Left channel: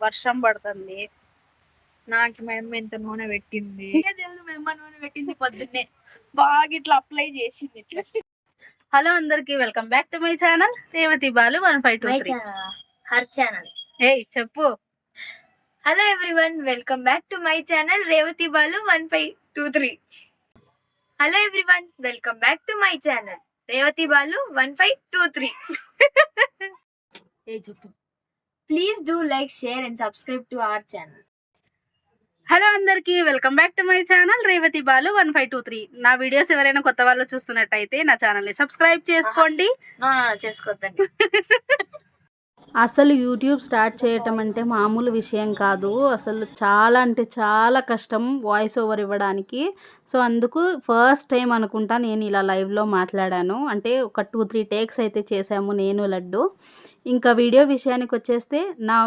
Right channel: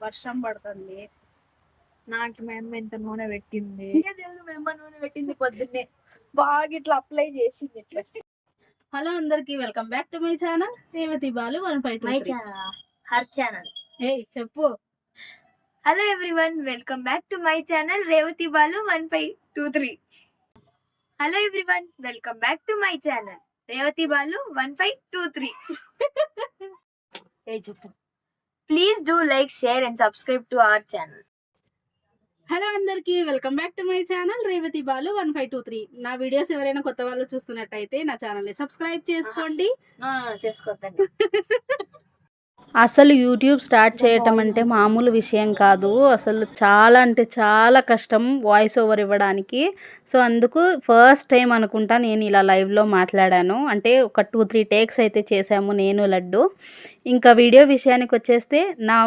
వర్షం పడుతుంది. నాకు మా అమ్మ ఎంత నూనె పెట్టింది. మేము నూనె పెట్టింది పొద్దున్నే. బాగా ఇట్లా అప్లై చేసింది ఇట్లా. హలో అందరికి welcome back to my channel. Revathi Balu one five two three. Her channel. ఏయ్ చెప్పు. Hello everyone welcome back to my channel Revathi Balu one five two three. Hello everyone welcome back to my channel Revathi Balu one five two three. చెప్పు. Please do like share and subscribe to our channel hello అందరికి welcome back to my channel Revathi Balu one five two three నా videos ఎవరైనా కొత్త వాళ్ళు చూస్తున్నట్టయితే నా ఛానల్ని subscribe చేసుకోండి. చేసుకోవద్దండి అసలు యూట్యూబ్ స్టార్ట్ చేయటం అంటే మామూలు విషయం కాదు. అసలు చాలా అంటే చాలా కష్టం వాయిస్ ఓవర్ ఇవ్వడానికి. సో అందుకు ఫస్ట్ టైం అనుకుంటా నేను ఇలా లైవ్లో మాట్లాడాను. అంటే ఒక టూ త్రీ టేక్స్ అయితే చేశాము నేను లడ్డు. ఇంకా వీడియో విషయానికి వచ్చేస్తే నా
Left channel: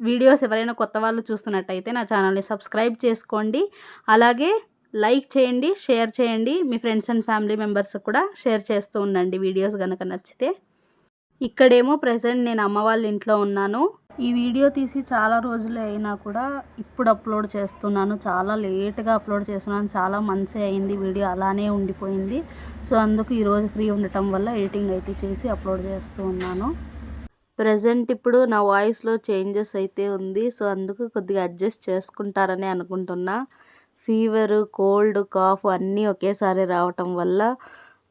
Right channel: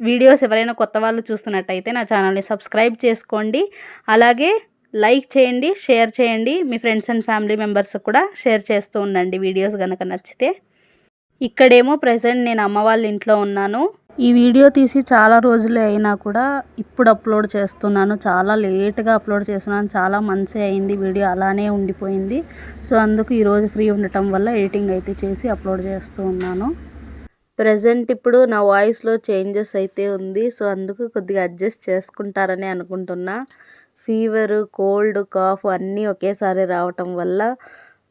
వీడియోస్ ఎవరైనా కొత్త వాళ్ళు చూస్తున్నట్టయితే నా ఛానల్ని సబ్స్క్రైబ్ చేసుకోండి. అలాగే లైక్ చేయండి షేర్ చేయండి. మీ ఫ్రెండ్స్ అండ్ ఫ్యామిలీ మెంబర్స్ కూడా షేర్ చేస్తూ ఉండండి వీడియోస్ కనుక నచ్చితే. ఇక్కడేమో ప్రజెంట్ నేను అమ్మ వాళ్ళ ఇంట్లో ఉన్నాను. ఈ వీడియో తీసి చాలా రోజులే అయినా కూడా ఇప్పుడు అప్లోడ్ చేస్తున్నాను. చాలా లేట్గా అప్లోడ్ చేస్తున్నాను. చాలా మంత్సే అయింది వీడియో అలానే ఉండిపోయింది. సో అందుకు ఈరోజు ఫ్రీ ఉండటం వల్ల ఎడిటింగ్ అయితే చేసి అప్లోడ్ చేస్తూ ఉన్నాను. ప్రజెంట్ ఇప్పుడు నా వాయిస్లో చేంజెస్ అయితే ఉంది. సో అందుకు కొద్దిగా అడ్జస్ట్ చేసుకుంటారని అనుకుంటున్నా. ఫీవరు కోల్డ్ కాఫ్ అన్నీ ఒకేసారి రావటం వల్ల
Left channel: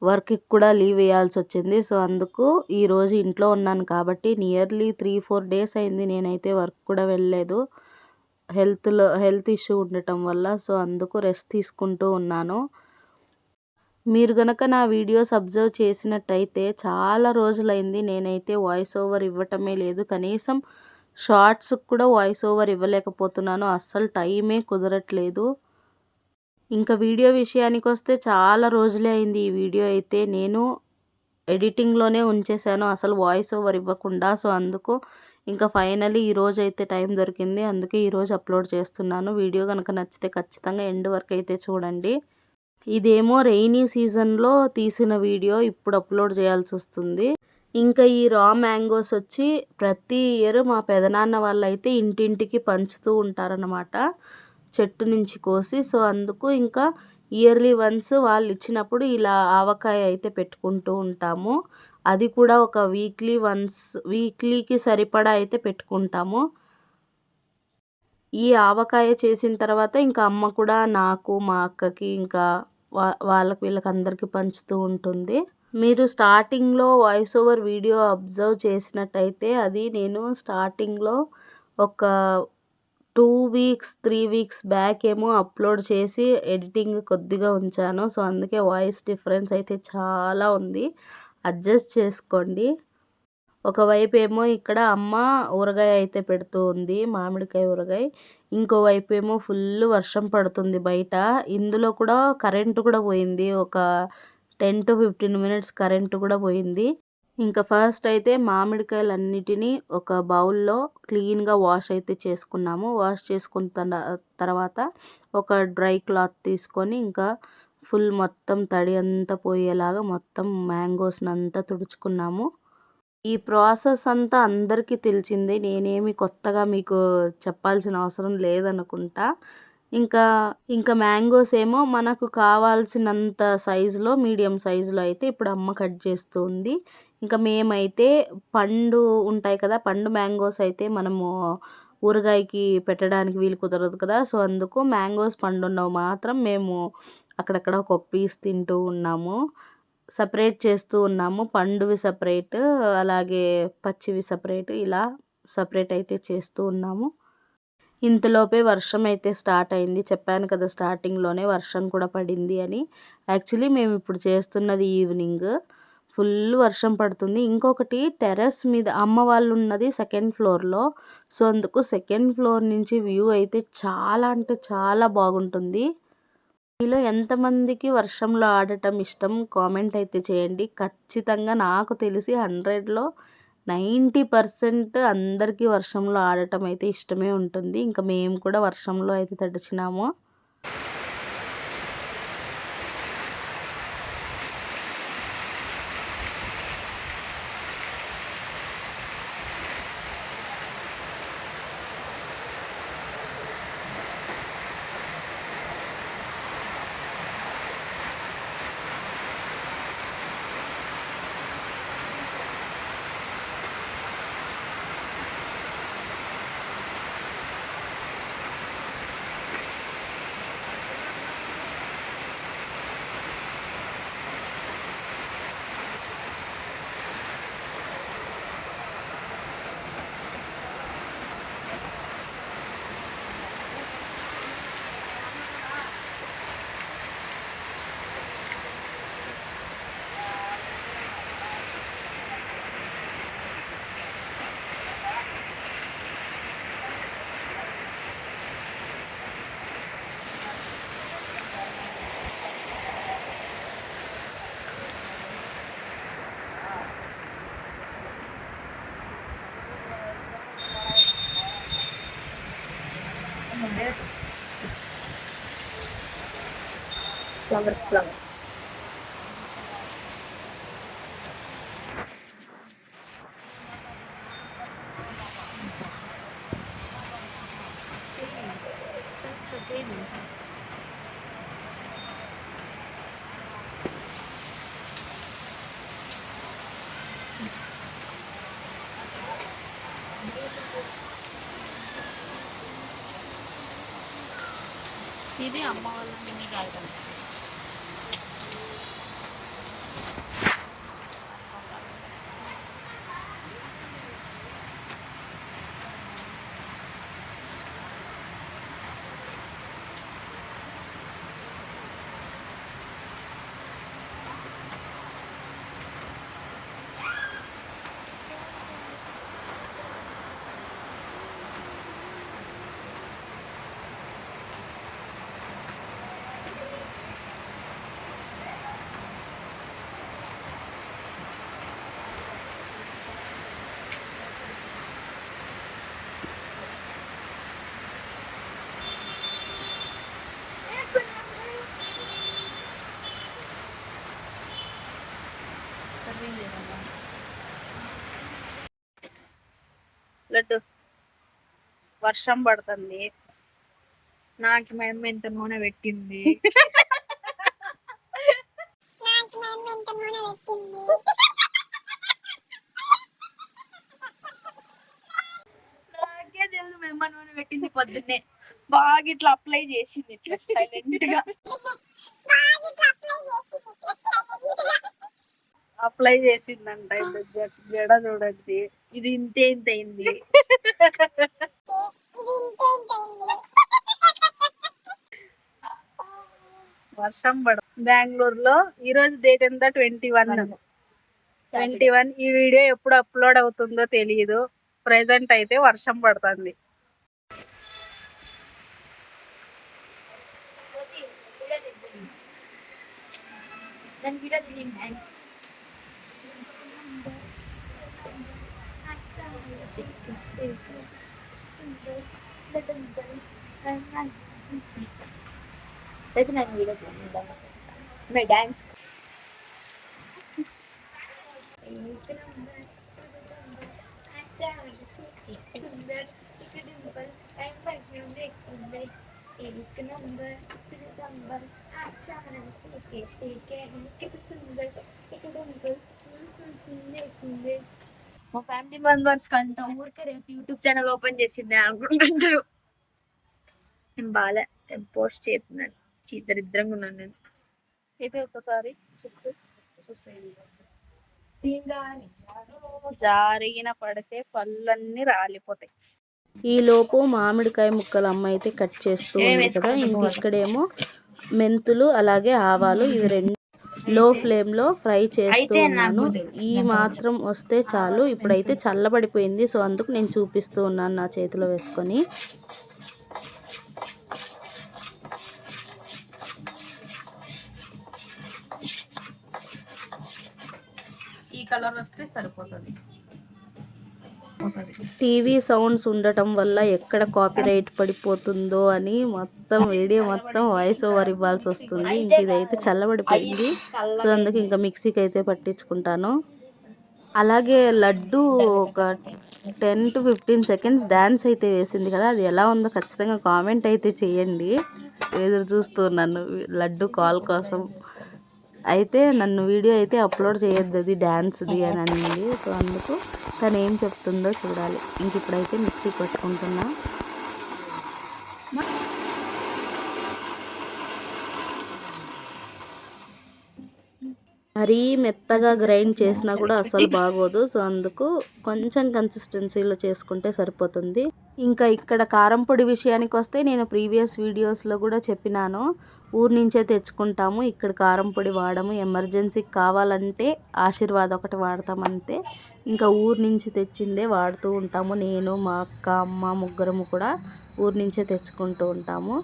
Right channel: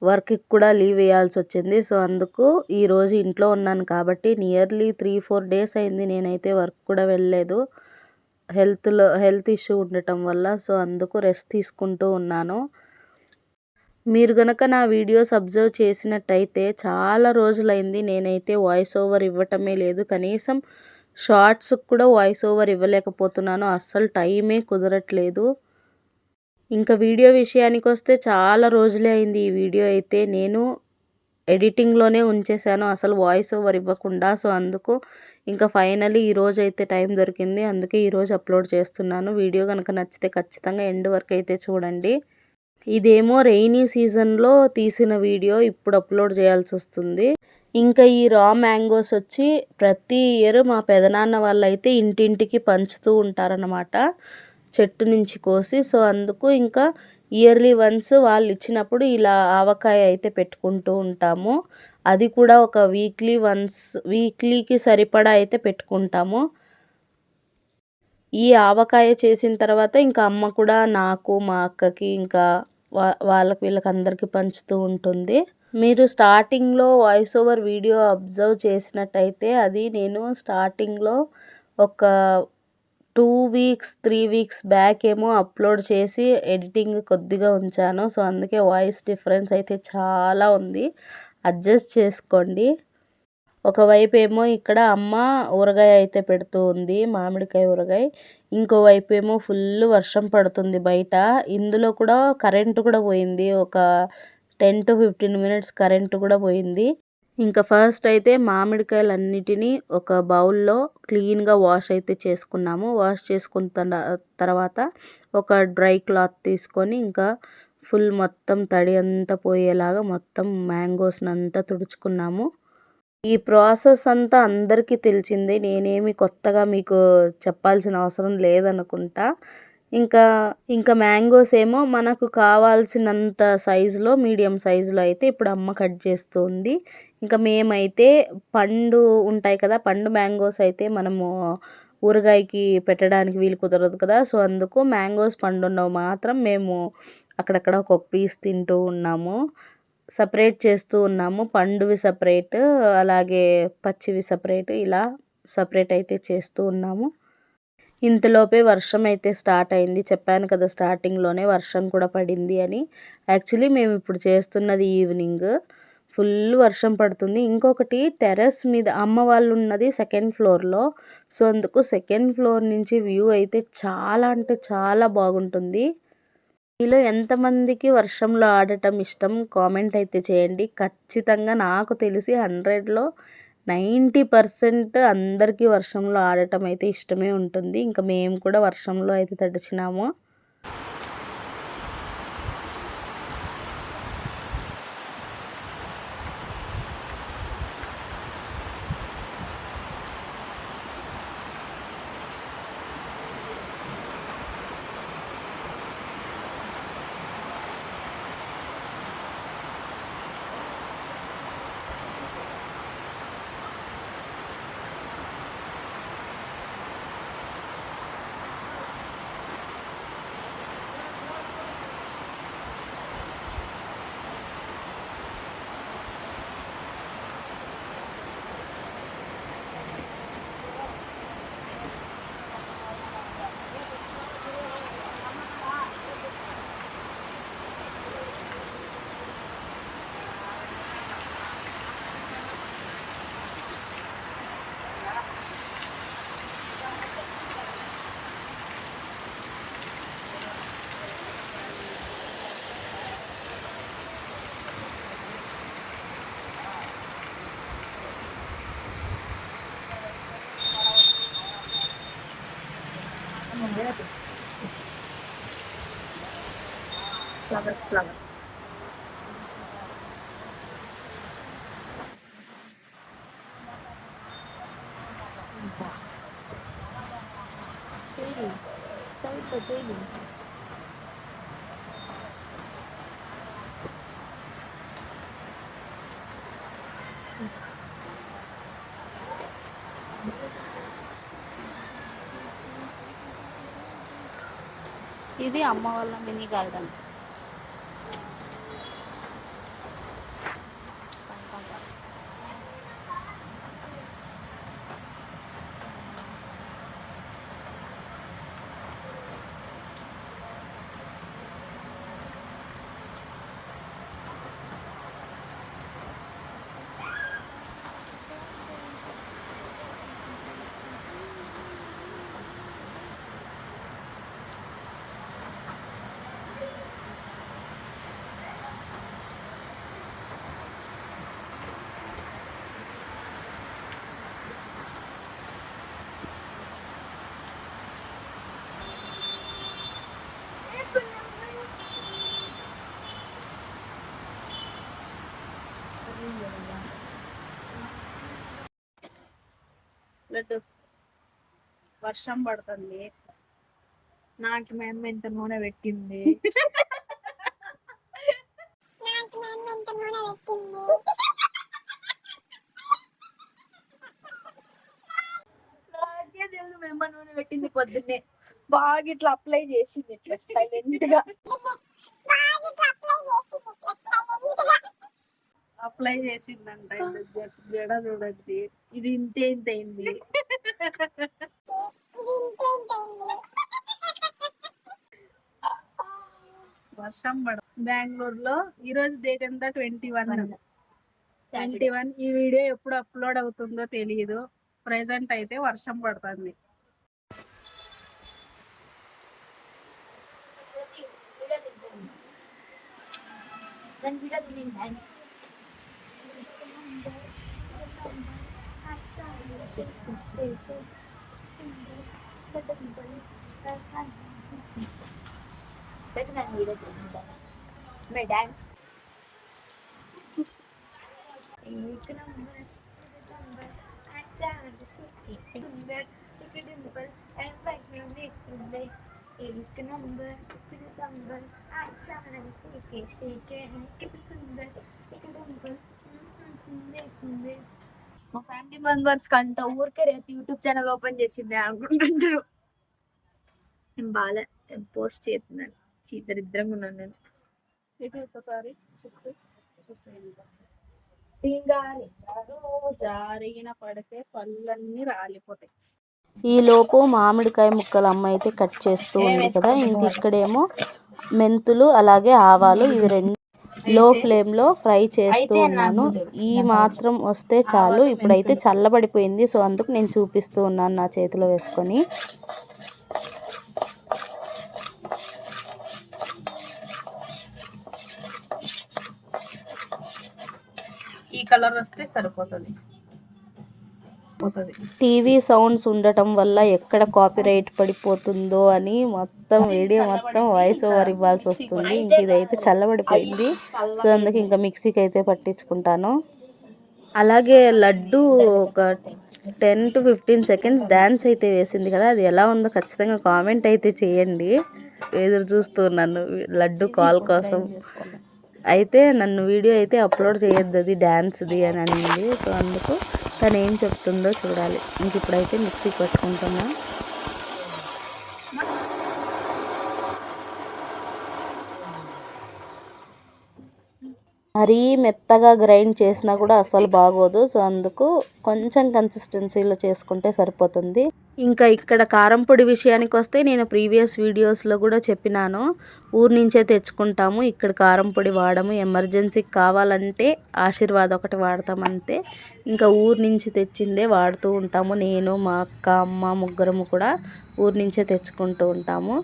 వర్క్కి కూడా లీవ్ వేయాల్సి వచ్చింది సో అందుకు ఈరోజు ఇంట్లో ఉన్నాను కాబట్టి నియర్లీ త్రీ ఫోర్ డేస్ అయింది నేనైతే వర్క్ కూడా వెళ్ళలేదు. హెల్త్లో హెల్త్ ఇష్యూ ఉండటం వల్ల సో అందుకు రెస్ట్ తీసుకుంటూ ఉన్నాను. మీరు గనక నా వీడియోస్ అబ్జర్వ్ చేసినట్టయితే చాలా రోజులైంది నేనైతే వాయిస్ ఓవర్ ఇవ్వటమే లేదు. కనీసం షార్ట్స్కి కూడా వాయిస్ ఓవర్ ఇవ్వలేకపోతున్నాను. అస్సలు టైమే కుదరట్లేదు. ఇంకా వీడియో విషయానికి వస్తే చాలా రోజులే అయింది ఈ వీడియో అయితే. నేను ఎడిటింగ్లోనే ఉంచేసాను అసలు వాయిస్ ఓవర్ ఇవ్వకుండా. సో అందుకు ఇంకా ఫైనలీ ఈరోజు అయితే టైం దొరికింది. అందుకే ఈరోజు అప్లోడ్ చేస్తున్నాను. వీడియో కనుక నచ్చితే ఖచ్చితంగా ఎండ్ వరకు అయితే చూడండి. ఇదేమో రెయినీ సీజన్లో తీసిన వీడియో ఇప్పుడు అప్లోడ్ చేయాల్సి వస్తుంది. ఇంకా ఈ రా మ్యాంగోస్ వచ్చి ప్రతి ఇయర్ మా పెదనాన్న వాళ్ళు అయితే ఇంటింటికి పంచుతూ ఉంటారనమాట చెట్టు నుంచి కోసి సో అందుకు ఇంకా ఇయర్లీ వన్స్ వాళ్ళు ఇచ్చినప్పుడు ఇలా ఆవకాయ అయితే పెట్టుకుంటూ ఉంటాము. అది కూడా ఒక వీక్లీ వన్స్ వీక్లీకి సరిపడా అయితే పెట్టుకుంటాము. ఈ ఆవకాయ చేసిన తర్వాత ఇంకా అమ్మ కూడా నాకు మా అక్కకి ఇంకా వా వాళ్ళకి వీళ్ళకి అందరికీ పంచుతూ ఉంటుంది. మీరు స్టార్టింగ్లో వాయిస్ ఓవర్ వీడియో అబ్జర్వ్ చేసినట్టయితే అది నేను స్టార్టింగ్లో ఒక two weeks three weeks back ఏమో అప్లోడ్ చేసి ఎడిటింగ్ కొద్దిగా ఉంచాను. సో అందుకే వాయిస్ డిఫరెన్స్ అయితే చాలా ఉంది. అడ్జస్ట్ చేసుకోండి. ఒకవైపు ఏమో ఇక్కడ అమ్మ ఊరగాయ అయితే పెడుతూ ఉంది మామిడికాయ ఊరగాయ. ఇంకోవైపు ఏమో ఫుల్ వర్షం పడుతుంది బయట. ఇందులో కూడా కరెంటు కూడా పోయింది. ఒక ten to fifteen minutes current కూడా పోయింది. ఇంకా ఫస్ట్ అయితే మామిడికాయలు అన్నిటినీ ఒక బౌల్లో క్లీన్గా వాష్ అయితే చేసుకున్నాము. వాష్ చేసుకున్న తర్వాత ఒక డ్రై క్లాత్ తీసుకొని ఇంకా ఫుల్ మొత్తం తడి అంతా పోయేలాగా మొత్తం మ్యాంగోస్ని అంతా తుడుచుకున్నాము. ఈ ప్రాసెస్ అంతా అందరికీ తెలిసింది. నేనేమి కొత్తగా మీకు చెప్పాల్సిన అవసరం లేదనుకుంటా. ఇంకా ఇంకా మ్యాంగోస్ ఏమో మనకు కావాల్సినంత సైజులో మీడియం సైజులో అయితే ఇప్పుడు అమ్మ కట్ చేస్తుంది ఇంకా మేమైతే పండు ఉంటాయి కదా పండు మ్యాంగోస్ అయితే మనము ఊరగాయకి పెట్టడానికి వీలు కుదరదు కదా. సో అందుకు మ్యాంగోస్ పండున్నవి మాత్రం మేము అక్కడక్కడ ఒక్కొక్క పీస్ తింటూ ఉన్నాము. సపరేట్ చేస్తూ ఉన్నాము. పండువి సపరేట్ అలాగే పచ్చివి సపరేట్ ఇలా సపరేట్ అయితే చేస్తూ ఉన్నాము. ఇంతలోపే వర్షం అయితే స్టార్ట్ అయింది. చెప్పాను కదా స్టార్టింగ్లోనే వర్షం కూడా పడింది అని. యాక్చువల్లీ మేము ఇప్పుడు చేస్తున్నది ఈవినింగ్ ఫుల్ వర్షం పడుతుంది. ఇంకొకటి టెర్రస్ మీద అమ్మ వాళ్ళు ఉన్నది సెకండ్ ఫ్లోర్లో సో అందుకు సెకండ్ ఫ్లోర్ నుంచి వ్యూ అయితే చాలా అంటే చాలా బాగుంటుంది. మీలో ఎంతమందికి వర్షంలో ఆడటం ఇష్టం? కామెంట్ అయితే చేయండి. ఖచ్చితంగా నాకు తెలిసి హండ్రెడ్లో నైంటీ పర్సెంట్ అందరికీ వర్షంలో ఆడటం అయితే ఇష్టమే ఉంటుంది. ఇంకా మేము కూడా వర్షంలో అయితే తడిచినాము. flowers flowers Thank you. ఇది అమ్మ వాళ్ళ మినీ గార్డెన్ లడ్డు వర్షం పడుతుంది. నాకు మేము ఎంత నూనె పెట్టింది. నాకే తెలుసు మేము నూనె పెట్టింది. పొద్దున్నే. బాగా ఇట్లా అప్లై చేసింది ఇట్లా సైలెంట్గా అప్లై చేసిందంట జడ చూడండి. ఇది ఇంతే ఇంత అయింది. వర్షం పడ బెంగళూరులో ఈ రోజు డేట్ ఎంత? ట్వంటీ వన్ ట్వంటీ వన్ ఈ వీడియో ఎప్పుడు అప్లోడ్ అవుతుందో తెలియదు ప్రెసెంట్ అయితే వర్షం పడుతుంది. దాని వీడియో ಡ್ಯಾನ್ಸ್ സുന്ദർ ഇക്ക് ഡിമ്പൽ എന്നെ എനിക്ക് നമ്പർ ഇക്ക് നമ്പർ ആ ചാനൽസ് ഒക്കെ ശരിക്കും എനിക്ക് സുന്ദർ ഇക്ക് ഡിമ്പൽ കുഞ്ഞെ കുഞ്ഞെ మా ఫ్యామిలీ మెంబర్స్ కంట ఊరికే రేపు యూట్యూబ్ ఛానల్ ఓపెన్ చేసింది అనుకుంటుంటారు. నేను బాలే నేను పోస్ట్ చేస్తున్నాను. ఛీ, దరిద్రంగా ఉన్నాను నేను. ఇది ఒకసారి జారిగిన పడితే పళ్ళన్నీ రాలిపోతాయి. ఈ లోపు మామిడికాయ ముక్కలు అమ్మ అయితే కట్ చేస్తూ ఉంది కదా ఇంక? ఇక్కడేమో మెంతులు అలాగే ఆవాలు ఇవి రెండు లో ఫ్లేమ్లో ఫ్రై చేస్తూ ఉన్నాను. ఈ మాత్రం వస్తే చాలు. ఇప్పుడైతే చల్లబడిపోయింది. సో అందుకు నేను చూపిస్తూ ఉన్నాను నా చేతిలో వేసుకొని. ఈ కలర్ వస్తే సరిపోతుంది. టీవీ సౌండ్స్ ఉండటం వల్ల ఎక్కడ కాపీరైట్ పడిపోతుందో అని మొత్తం వీడియో మొత్తం వాయిస్ ఓవర్ ఇవ్వాల్సి వస్తుంది. ఇంక ఇదైతే చల్లబడిపోయింది. సో అందుకే ఇంకా మిక్సీకి అయితే పట్టించుకుంటాను. అలాగే లడ్డు ఒక ten to fifteen seconds dance అయితే వేసింది కదా అది ఎలా ఉందో ఖచ్చితంగా కామెంట్ అయితే చేయండి. ఎదురు చూస్తున్నాను లడ్డు కాల్ కోసం. అయితే నన్ను వీడియో అయితే అప్లోడ్ చేయొద్దు అది డ్యాన్స్ది అని అనింది. సో అందుకు తను ఏం చెప్తుందో చూడాలి. ఇంక ఇప్పుడైతే మిక్సీ పట్టుకుంటున్నా మరీ మెత్తగా గ్రైండ్ చేసినా కూడా అస్సలు బాగోదు. సో అందుకు కొంచెం కన్సిస్టెన్సీలో చేసుకుంటే సరిపోతుంది. ఇంకా ఇక్కడ కారం పొడి విషయానికి వస్తే నేను ప్రీవియస్ వీడియోస్లో కూడా చెప్పినాను. ఊరు నుంచే తెచ్చుకుంటాము. ఇక్కడ కారం పొడి వాడము. ఎమర్జెన్సీకి కావాలంటే ఆశీర్వాద్ ఒకటి వాడతాం అంతే. ఇంకా ఊరు నుంచి తెచ్చిందే వాడుతూ ఉంటాము. నేను మా అక్క అమ్మ ముగ్గురము కూడా ఊరు నుంచే తెచ్చుకుంటూ ఉంటాము.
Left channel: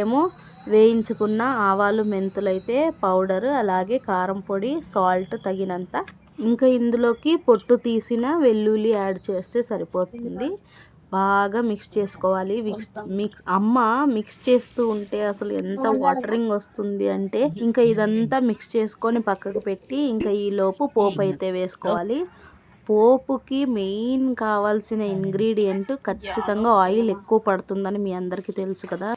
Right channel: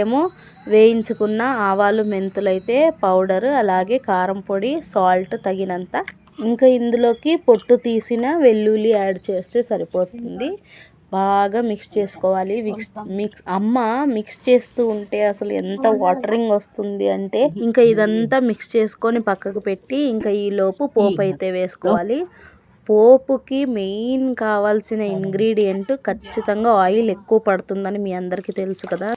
ఏమో వేయించుకున్న ఆవాలు మెంతులు అయితే పౌడరు అలాగే కారం పొడి సాల్ట్ తగినంత. ఇంకా ఇందులోకి పొట్టు తీసిన వెల్లుల్లి యాడ్ చేస్తే సరిపోతుంది. బాగా మిక్స్ చేసుకోవాలి. మిక్స్ మిక్స్ అమ్మ మిక్స్ చేస్తూ ఉంటే అసలు ఎంత వాటరింగ్ వస్తుంది అంటే ఇంకా ఇదంతా మిక్స్ చేసుకొని పక్కకు పెట్టి ఇంకా ఈ లోపు పోపు అయితే వేసుకోవాలి. పోపుకి మెయిన్ కావాల్సిన ఇంగ్రీడియంట్ ఖచ్చితంగా ఆయిల్ ఎక్కువ పడుతుందని మీ అందరికీ తెలుసు కదా.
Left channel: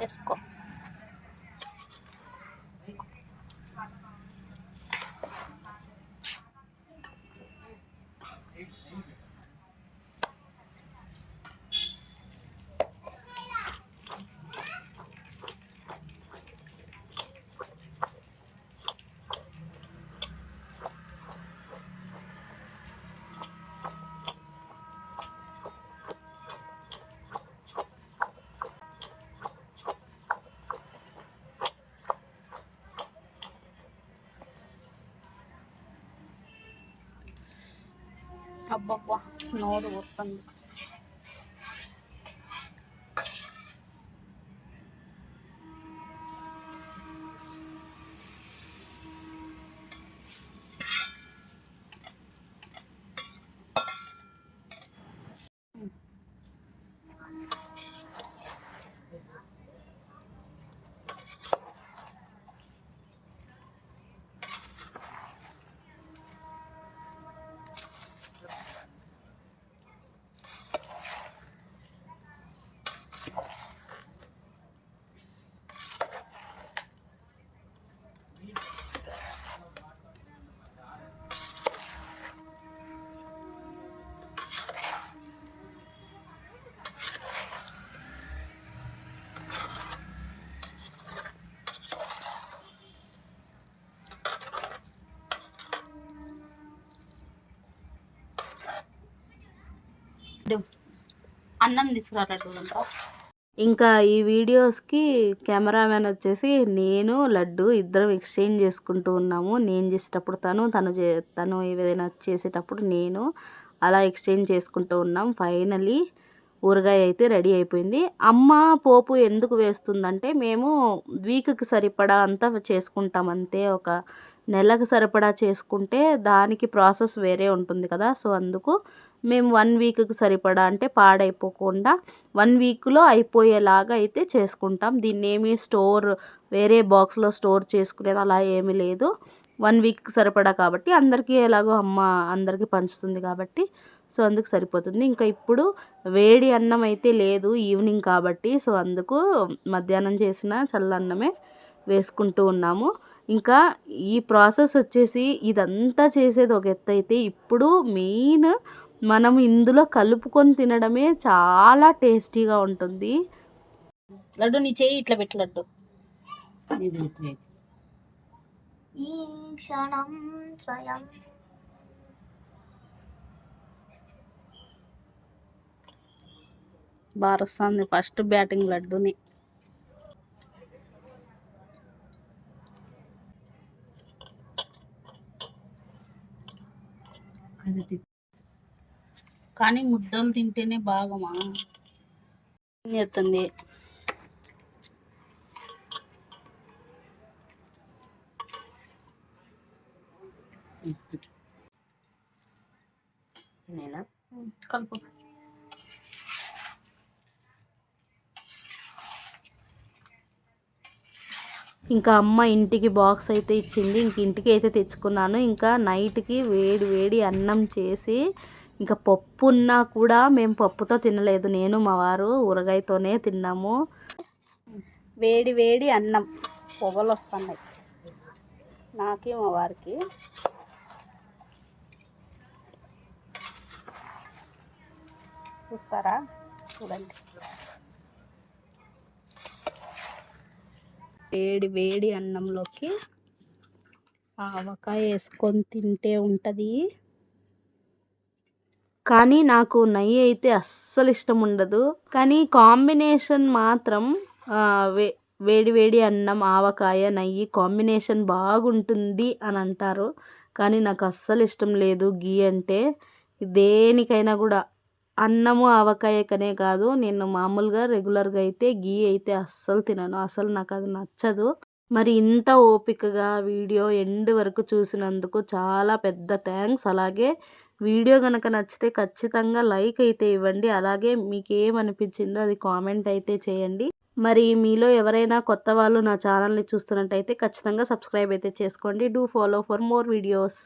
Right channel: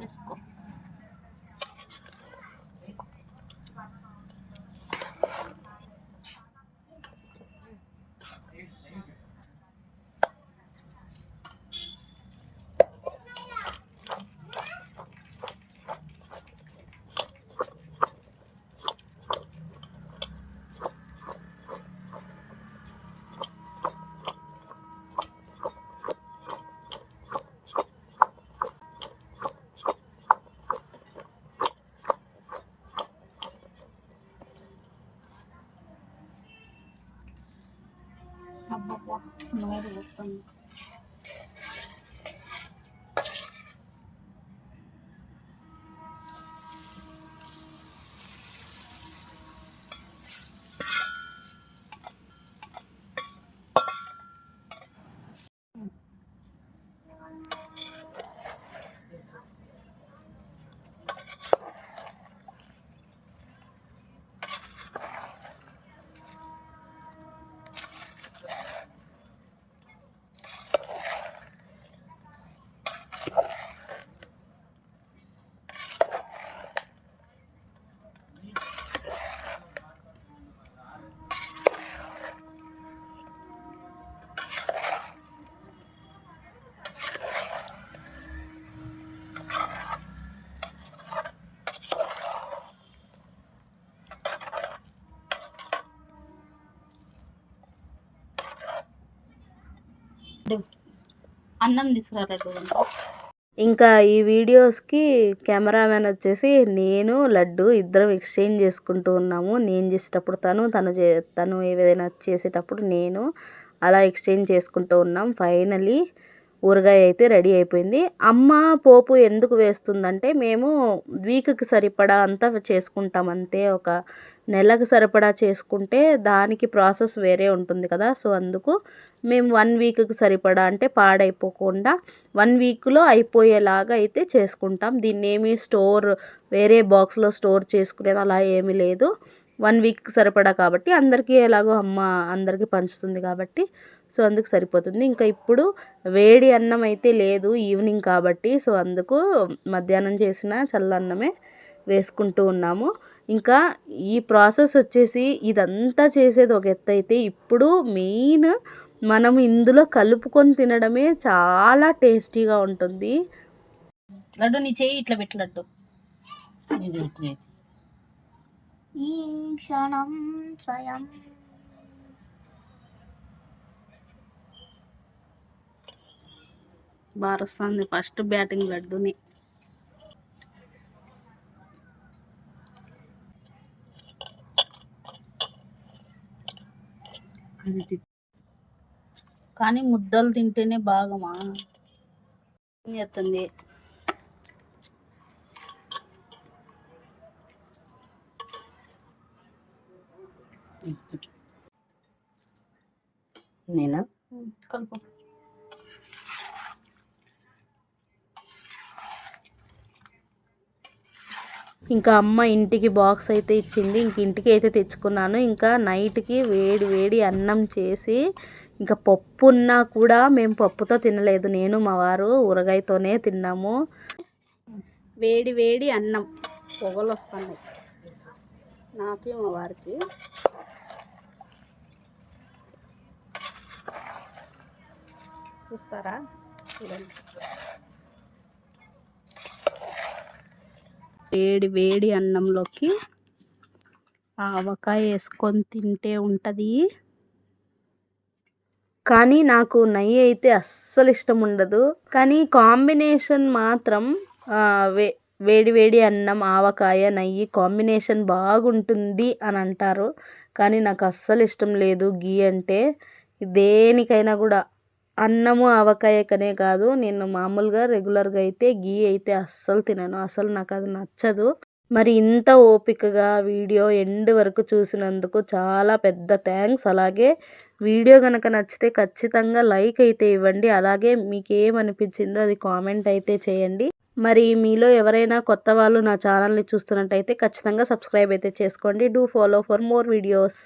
వేసుకో. అబ్బబ్బా నోరు వస్తుంది అన్నం తీసుకురా అన్నం తీసుకురాలడ్డు ఇంకా ఈ వీడియోస్కి కెమెరామెన్ వచ్చేసి నేను లడ్డు ఇద్దరం ఎక్స్చేంజ్ చేసుకుంటూ ఉన్నాము. నేను చేసేటప్పుడు తను తను చే తను ఏదైనా చేసేటప్పుడు నేను అలా ఎక్స్చేంజ్ చేసుకుంటూ ఉన్నాం. ఫైనలీ ఊరగాయ అయితే రెడీ అయిపోయింది. అమ్మ పోపు ఎందుకు వేస్తుందంటే మేము వీక్కి సరిపడా అంతా చేసుకుంటాం అంతే. ఒక నెలకు సరిపడా చేసుకుంటే దానికి ప్రాసెస్ వేరే ఉంటుంది కదా. సో అందుకు మేము వన్ వీక్కి సరిపడా అంటే పాడైపోకుండా వన్ వీక్లో అయిపోయేలాగా అయితే చేసుకుంటాం. దీన్ని ఏమి స్టోర్ వేరే బాక్స్లో స్టోర్ చేసుకునేది అలా ఏమీ లేదు. వన్ వీక్ సరిపడా కాబట్టి అందరికీ ఎలాగో అమ్మ అందరికీ పంచుతుంది కాబట్టి సో అందుకు సరిపోతుంది. ఇంకా ఇప్పుడు వేడి అన్నం అయితే లేదు ఈవినింగ్ కాబట్టి సో అందుకు మధ్యాహ్నం చేసిన చల్లన్నమే వేసుకుంటూ ఉన్నాము. ఇంకా ఈ ప్రాసెస్ వచ్చేసి ఇదంతా చేసేది ఒక ఎత్తు అయితే ఇప్పుడు మెయిన్ మనం ఇందులో కలుపుకొని తినడమే చాలా టేస్టీగా ఉంటుంది. లడ్డు నీ చేయి ఇట్లా పెట్టు లడ్డు. ఈ క్షణం స్వయం. బాగా వస్తుంది ఫస్ట్ బ్యాటింగ్ లడ్డుని. కానీ ముద్దలు తింటేనే బాగమా? చేస్తుంది? నేనా? కలుపు. ఇంకా అమ్మ ఇంటికి బాక్స్ అయితే ఇచ్చింది. ఇంక ఇంటికి అయితే తెచ్చుకున్నాను. ఇంకా నైట్కి వేడి వేడి అన్నం చేసి ఇంకా పప్పు ఉన్నా కూడా మేము పప్పుతో తినలేదు. నేను మా వారు ఊరగాయతోనే తిన్నాము. వేడి వేడి అన్నం పొగలు వస్తున్నాయి. నాకి మా వారికి. చూస్తారా? చూడండి. వేడి వేడి అన్నంలోకి ఆవకాయ వేసుకొని తింటే ఉంటుంది. కానీ నాకు నెయ్యి అయితే అస్సలు ఇష్టం ఉండదు. కానీ కాంబినేషన్ మాత్రం వే వేడి వేడి అన్నం ఆవకాయ నెయ్యి కాంబినేషన్ బాగుంటుంది అని అంటారు. కానీ నాకు అస్సలు ఇష్టం లేదు గీ అంటే. దేనికైనా కూడా అన్నము ఆవకాయకనే కాదు. నేను మామూలుగా రెగ్యులర్గా అయితే గీ అయితే అస్సలు తినను. అసలు నాకు అది నచ్చదు. మరి ఇంత ఓపికగా వీడియో ఎండ్ వరకు చూసినందుకు చాలా పెద్ద థ్యాంక్స్ అలాగే వీడియో కనుక నచ్చితే ఖచ్చితంగా లైక్ అయితే ఇవ్వండి. అలాగే మీకు ఏమనిపించిందో అది కామెంట్ అయితే చేయండి. మరి మీలో ఎవరైనా కొత్త వాళ్ళు నా ఛానల్ని చూస్తున్నట్టయితే ఖచ్చితంగా సబ్స్క్రైబ్ అయితే చేసుకోండి. Do follow for more videos.